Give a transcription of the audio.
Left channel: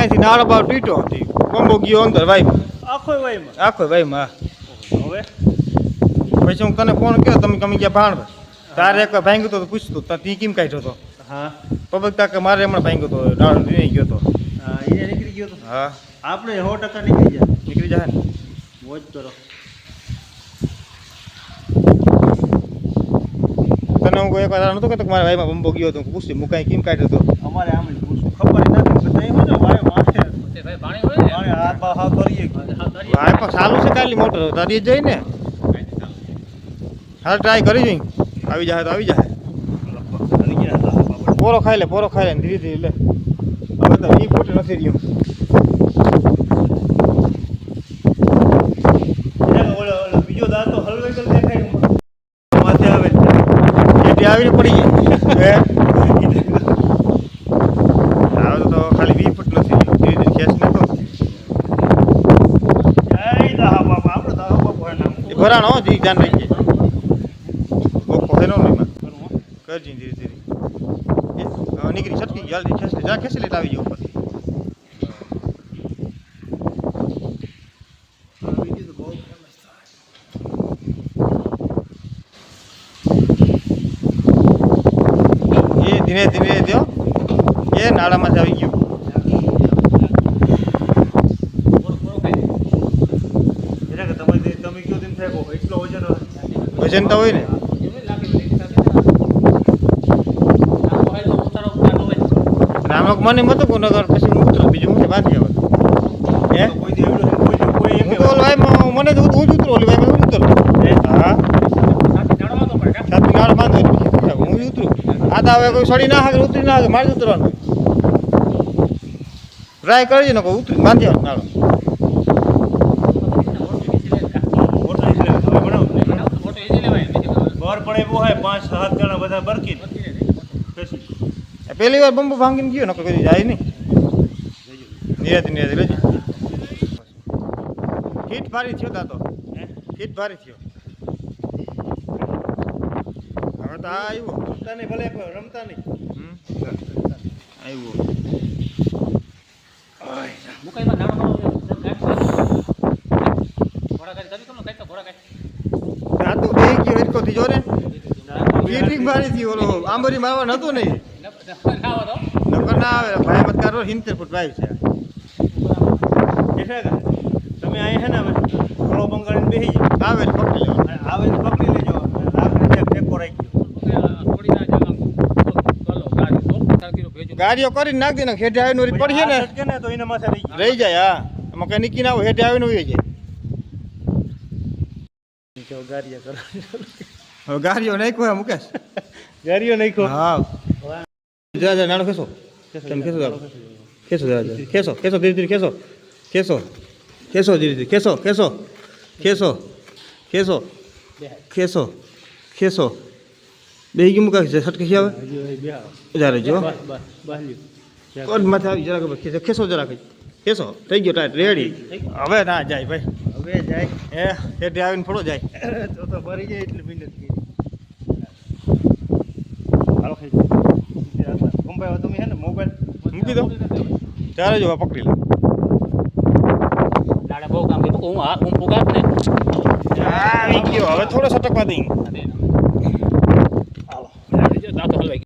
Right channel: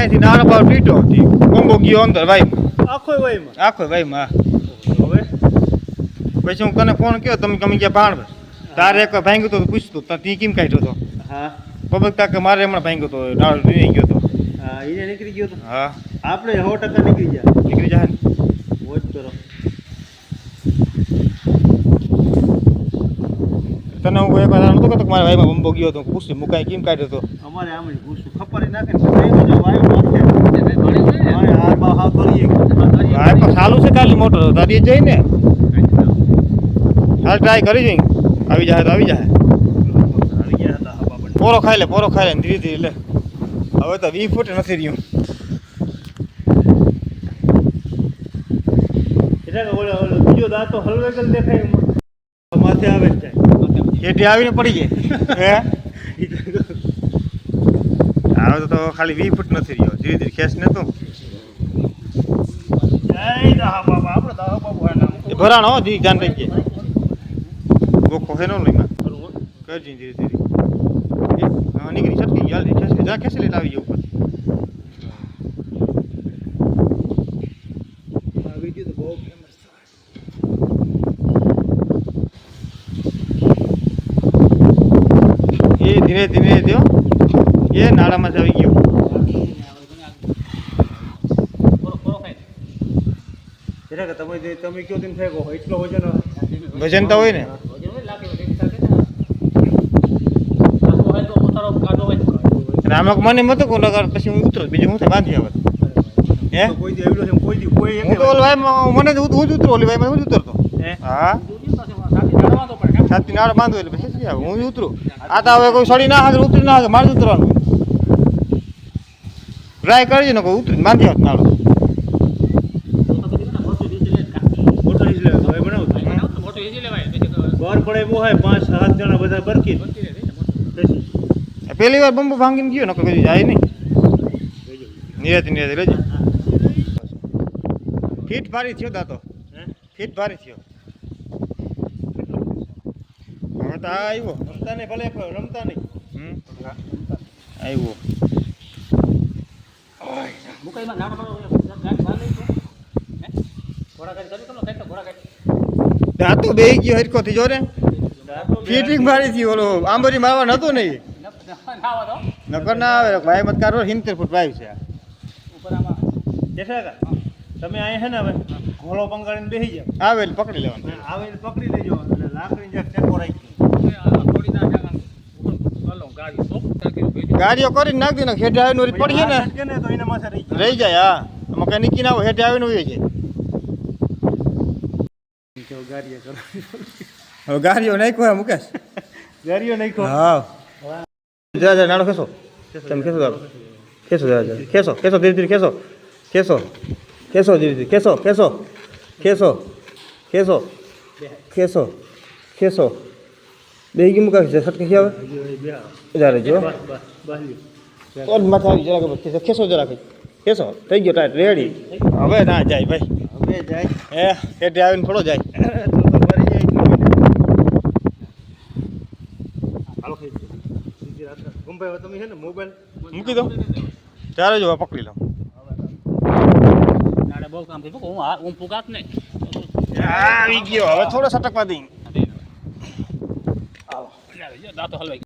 ત્યાંથી નાળો બાર પીટો કોમ્બો ગયો અંદર વાઈમાં આખો વાઈમાં હવે પછી હું તને ફોન કર્યો તમે ગમી ગયા ભાણ તારે એક ભાંગ્યું તો પૂછતું તી કેમ કાઢ્યો હતો હા પબક તાકે મારે હમણાં ભાંગ્યો તો નાળો નીકળી ગયો હતો હા એ નીકળી ગયો તો હા આપણે 100% નીકળી જાય નીકળી જાય ને વોચ કરો તને હું એક વાર નતો કે મારા ભાઈમાં બંબો ગયો તો પૂછ્યું મુકાઈ કેમ કાઢ્યો હતો અમારે આમ પૂછું ખબર નથી બતાવી મને વાયો માથે મારે હાર બા હા કરીએ ભાઈ પણ ચાલુ છે કાલી મોટર તારી જઈ ને હાલ ટ્રાય કરી જઈ આવી જાય તો આવી જાય પોરો ખાઈ લે ને ધીરે ધીરે લે હવે તો 20 ફૂટ નથી રહ્યું બીજો દાંતો હલવેકલ દેખાય માથે આવે એટી આવીને પડી જાય હે હવે તો ખાલી 20 ફૂટ નથી રહ્યો ધીરે ધીરે ખેંચ ને તો એ ભરાણો જી ધ્યાન રાખજે ઓકો હેનો નહીમાં કરજી ધીરે ધીરે હા નીકળી છટકી જલ્દી ખેંચી જા ખેંચી લેટ આવી જાવ ઉપર એ ધીરે ધીરે દો એ નાળામાં જ આવી ગયો તમે કયો દિન ફેંકો એટલો વજન વજન તો હોય ને આમાં મને મતો કો નગર પછી હું ઉતરો બીજું હું બાંધી આવત હે હું તો ઓલ ભાઈ મને તો હું ઉતરો ઓલી ભાઈ હું ઉતરો હા છાતી નાળ બાંધો પછી હું ઉતરું આ તો હવે કોઈ સડી ના હાગે ઉતરી ના હાગે મારે જ ઉતરવાનું ટ્રાય કરજે ને કોઈ ઉતરી બાંધી આવત નાળ બર પડે બહુ હોય 5-7 જણા બધા બરકી પહેલી વાર બંબુ ભાંગીને ગયો ને કોઈ જાય નહીં નિરાતી લેજે ફીટ ભારી થયો દાતો ફીટ ભારી થયો હવે તો આ આવ્યો રમતા નહીં ભલે રમતા નહીં આવ્યો દાંતો બે ગયો હરખો થી જો ને ફીટિંગ ભારી થી ઓલો આંબરી મારવા નતો નહીં નકર ના આવે ભાઈ મત કરો 70 ફૂટ વાયુ છે એટલે તમે અહીં છે ને હવે થોડો બંગાળીને બેસી જાઓ આવે એટલે પકડી લેવાનું આવે પકડી લેજો લાકડી ફેંકો રાખી ગાડીઓ કરીને નાખ દે ને હેઠે આવીને ઓરી પડી ને ને તો એના માથે રહી જાય હા એમાં કઈ નીકળી ના હોય હેઠે આવીને ઉઈ જાય ગાડીઓ કરો હવે ગાડીઓ નાખ્યો હે મુકેશ ગાડીઓ નાખ્યો હા જા નાડો ખેસો તમે ખેસો દાડો ખેસો જા ખેસો ધીરે ધીરે ખેસો ધીરે ધીરે ખેસો બે ગી મુકા સટકે આવે જા રેજો કોણ માથે આવી જરા ખેસો જરા ખેસો થઈ ગયો ટાઈટ રેડી હવે ના જાય ભાઈ હવે જાય એ હેઠે આવીને થોડો જાય મૂકી દો ત્યારે જો પકડી લો આવી ગયો હવે થોડો સટકવા દઈ